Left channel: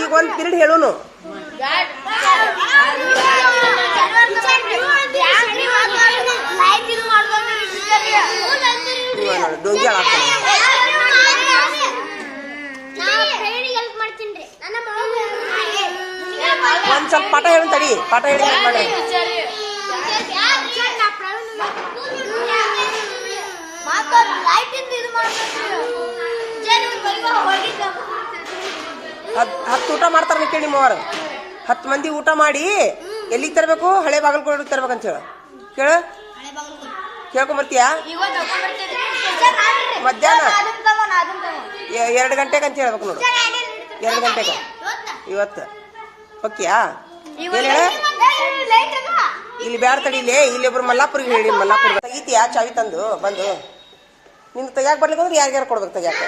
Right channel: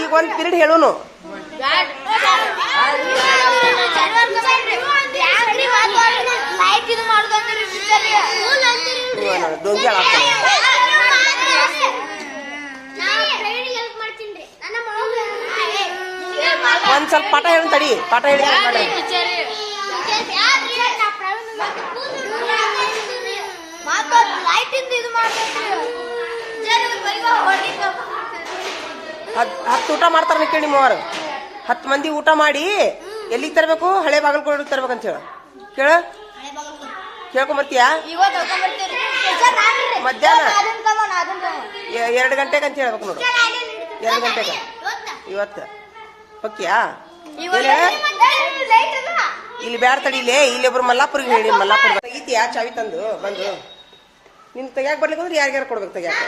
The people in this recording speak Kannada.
ಈಗ ಒಂದ್ ಪಿರಿಯಡ್ ಹೇಳುನು. ಡೊಂಗಿ ಹಾಕ್ತಾನೆ. ಒಂದ್ ಸ್ವಲ್ಪ ಪಾಠ ಹೇಳಿ ತಡಿ, ಪಾಠ ಹೇಳಿ ಮಾಡ್ರಿ. ಹತ್ತು ಊಟ ಮಾಡ್ತಾರ ಕೇಳಿ ನಿಮ್ಮವ್ರು. 10 ಮಂದಿ ಊಟ ಮಾಡಿ ಎಲ್ಲಿಗೆ ತರಬೇಕು? ಹಳೆ ಬಾಗಲಕೋಟೆಗೆ ತರ್ಬೇಕಂತ ಹೇಳ ಕೇಳ. ಕೇಳ್ಕೊಂಬರ್ತೀಯಾ? ಮಧ್ಯಾಹ್ನ 2 ಗಂಟೆಗೆ ಅಂತ ಹೇಳ್ಬೇಕು ನೋಡು. 2 ಗಂಟೆಗೆ ಇವತ್ತು ಓಕೆಯಾ? ಇಲ್ಲಿ ಬ್ಯಾಡ ತಡಿಲೇ. ಇಲ್ಲೊಬ್ರು ಮಲ್ಲಾಪುರಿಗೆ ಹೇಳಿ, ಮಲ್ಲಾಪುರ ತೆಗಿತೀಯಾ ಚಾವಿ ತಂದು ಬಂದು. ನಿನ್ ತೆಗ್ಯಾಕ ಬರ್ಲಿಕ್ಕಂದ್ರೆ ಯಾರ್ಯಾರು ಕೊಡ್ಬೇಕು ತೆಗ್ಯಾಕ?